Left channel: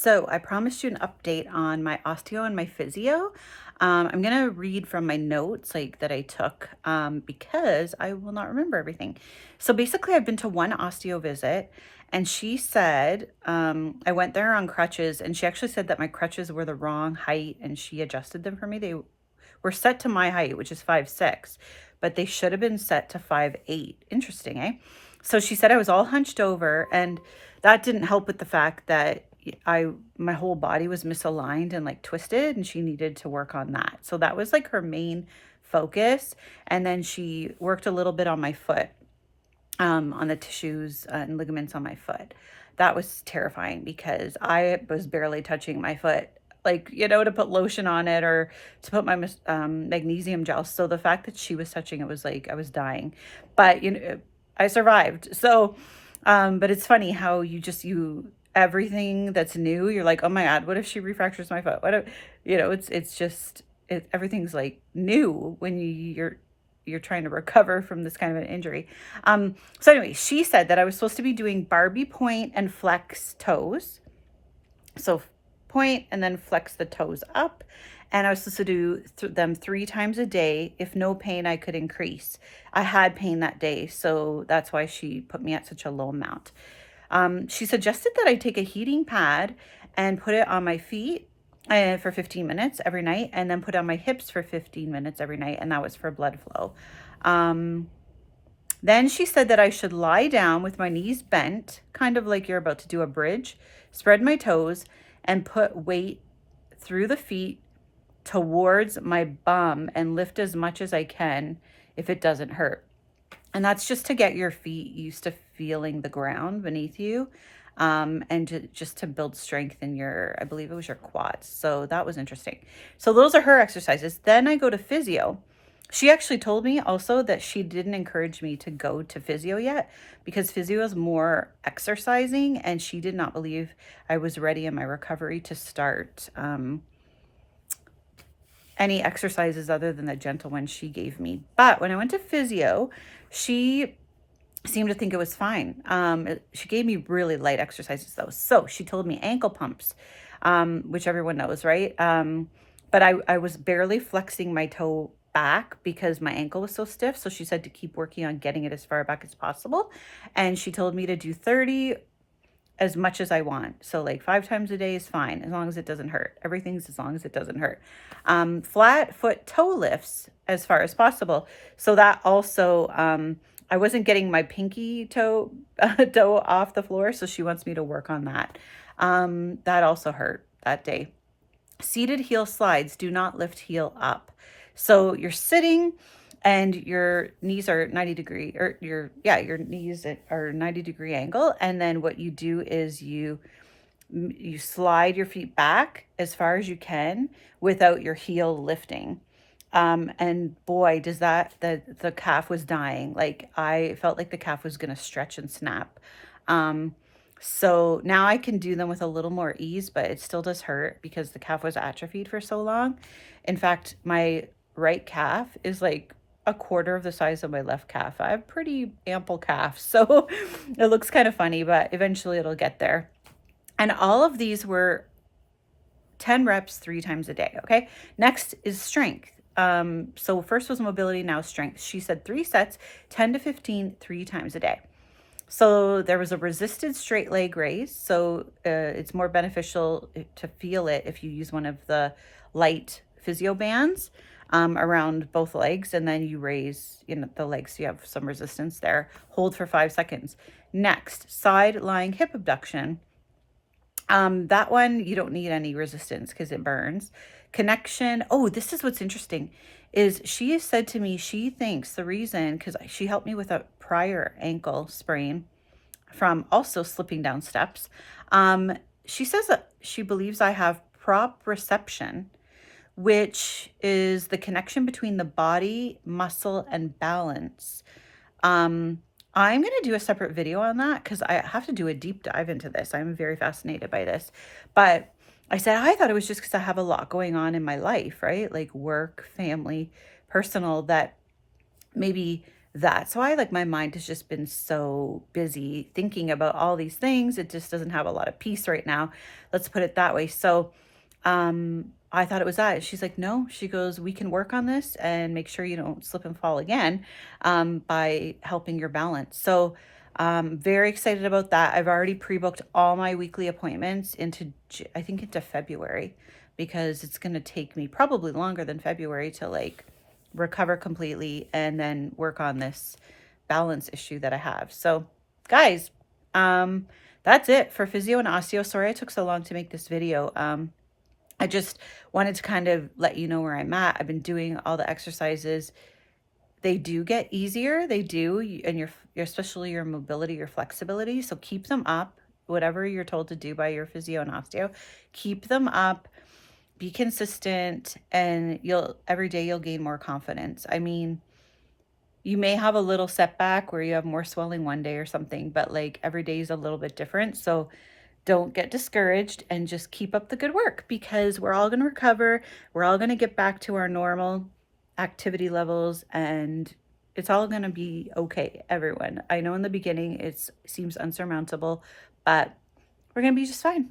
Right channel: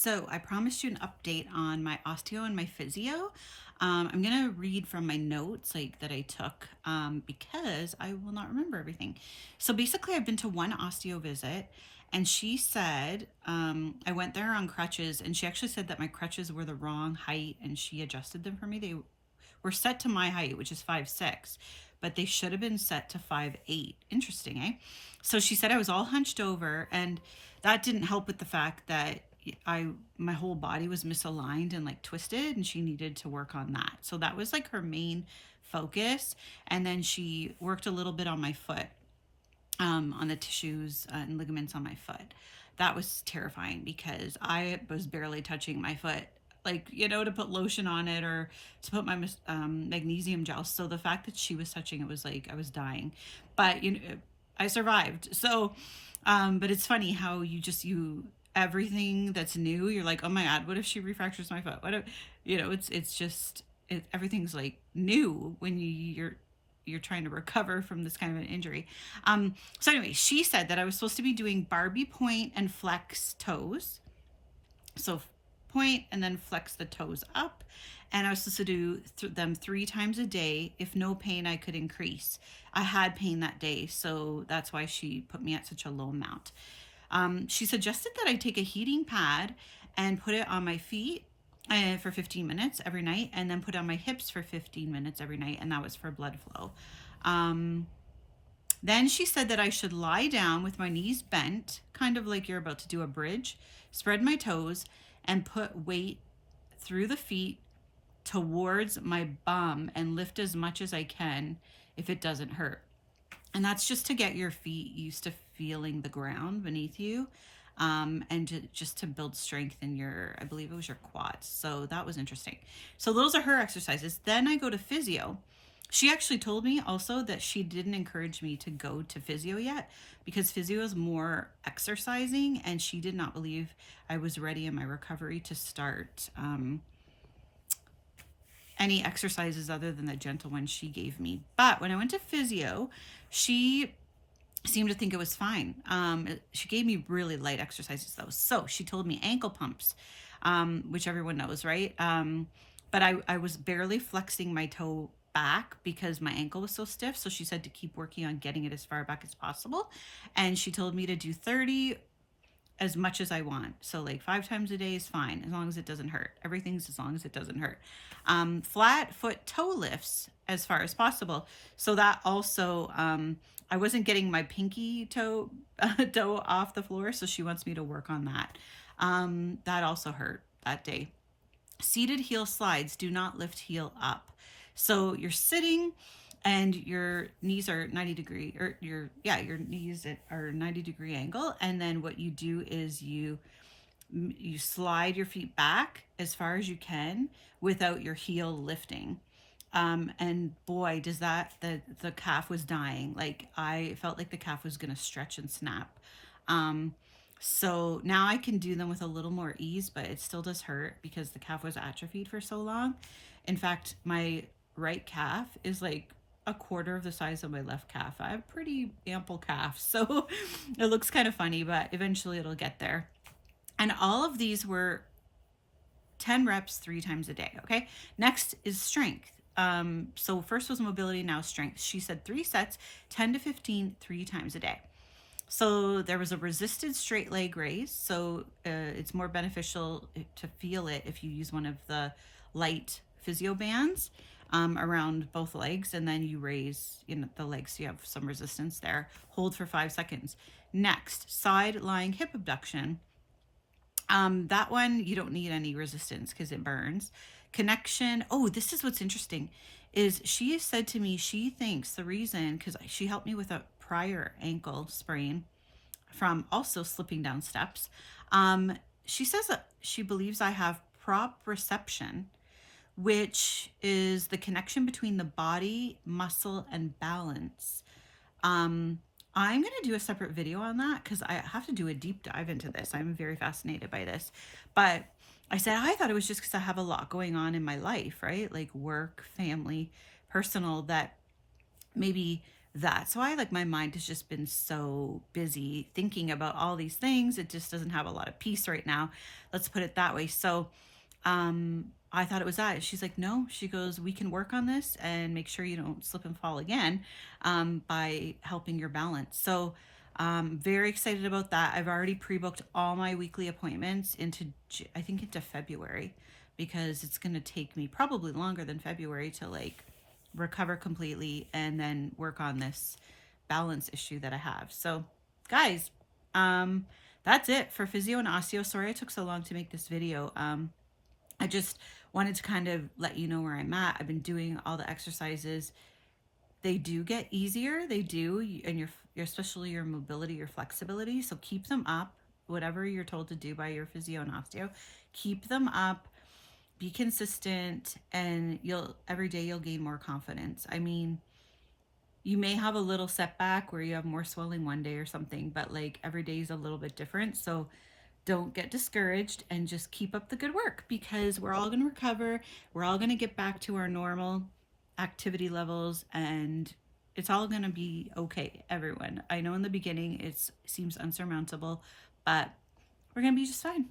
So I promised you an update on my osteo and my physio. I'm gonna read from my notes like that I took because I will not remember everything. So basically, I've been to one osteo visit, and she said I went there on crutches, and she actually said that my crutches were the wrong height, and she adjusted them for me. They were set to my height, which is 5'6", but they should have been set to 5'8". Interesting, eh? So she said I was all hunched over, and that didn't help with the fact that my whole body was misaligned and like twisted, and she needed to work on that. So that was like her main focus. And then she worked a little bit on my foot, on the tissues and ligaments on my foot. That was terrifying because I was barely touching my foot, like, to put lotion on it or to put my magnesium gel. So the fact that she was touching it was like I was dying, but I survived. So, but it's funny how everything that's new, you're like, oh my God, what if she refractures my foot? What if, it's just, everything's like new when you're trying to recover from this kind of an injury. So anyway, she said that I was supposed to be doing Barbie point and flex toes. So point and then flex the toes up. And I was supposed to do them 3 times a day. If no pain, I could increase. I had pain that day, so that's why she put me at such a low amount. She suggested that I take a heating pad and put it on my feet for 15 minutes every night, and then put on my hips for 15 minutes every night, and that was for blood flow. Then she said that I should lie down with my knees bent, kind of like you're about to do a bridge, spread my toes, and put weight through the feet towards my bum and lift as much as I can if it doesn't hurt. And that's just to get your feet used to feeling the ground beneath you, and just to build strength in I believe it was your quads. So that was interesting. So those are her exercises. Then I go to physio. She actually told me also that she didn't encourage me to go to physio yet because physio is more exercising, and she did not believe I was ready in my recovery to start any exercises other than the gentle ones she gave me. But when I went to physio, she seemed to think it was fine. She gave me really light exercises though. So she told me ankle pumps, which everyone knows, right? But I was barely flexing my toe back because my ankle was so stiff. So she said to keep working on getting it as far back as possible. And she told me to do 30 as much as I want. So like 5 times a day is fine as long as it doesn't hurt. Everything's as long as it doesn't hurt. Flat foot toe lifts as far as possible. So that also, I wasn't getting my pinky toe off the floor. So she wants me to work on that. That also hurt that day. Seated heel slides, do not lift heel up. So you're sitting and your knees are 90 degree, or your knees are 90-degree angle. And then what you do is you slide your feet back as far as you can without your heel lifting. And boy, does the calf was dying. Like I felt like the calf was going to stretch and snap. So now I can do them with a little more ease, but it still does hurt because the calf was atrophied for so long. In fact, my right calf is like a quarter of the size of my left calf. I have pretty ample calf, so it looks kind of funny, but eventually it'll get there. And all of these were 10 reps 3 times a day. Okay. Next is strength. So first was mobility, now strength. She said 3 sets, 10 to 15, 3 times a day. So there was a resisted straight leg raise. So it's more beneficial to feel it if you use one of the light physio bands around both legs, and then you raise the legs so you have some resistance there. Hold for 5 seconds. Next, side lying hip abduction. That one you don't need any resistance because it burns. Connection. Oh, this is what's interesting is she has said to me she thinks the reason, because she helped me with a prior ankle sprain from also slipping down steps. She says that she believes I have proprioception, which is the connection between the body, muscle, and balance. I'm going to do a separate video on that because I have to do a deep dive into this. I'm very fascinated by this. But I said, I thought it was just because I have a lot going on in my life, right? Like work, family, personal, that maybe that's why, like, my mind has just been so busy thinking about all these things. It just doesn't have a lot of peace right now. Let's put it that way. So, I thought it was that. She's like, "No." She goes, "We can work on this and make sure you don't slip and fall again, by helping your balance." So, very excited about that. I've already pre-booked all my weekly appointments into I think into February, because it's gonna take me probably longer than February to, like, recover completely and then work on this balance issue that I have. So, guys, that's it for physio and osteo. Sorry I took so long to make this video. I just wanted to kind of let you know where I'm at. I've been doing all the exercises. They do get easier. They do, and your especially your mobility, your flexibility. So keep them up. Whatever you're told to do by your physio and osteo, keep them up. Be consistent, and you'll every day you'll gain more confidence. I mean, you may have a little setback where you have more swelling one day or something, but like every day is a little bit different. So don't get discouraged and just keep up the good work, because we're all going to recover. We're all going to get back to our normal activity levels, and it's all going to be okay, everyone. I know in the beginning it seems unsurmountable, but we're going to be just fine.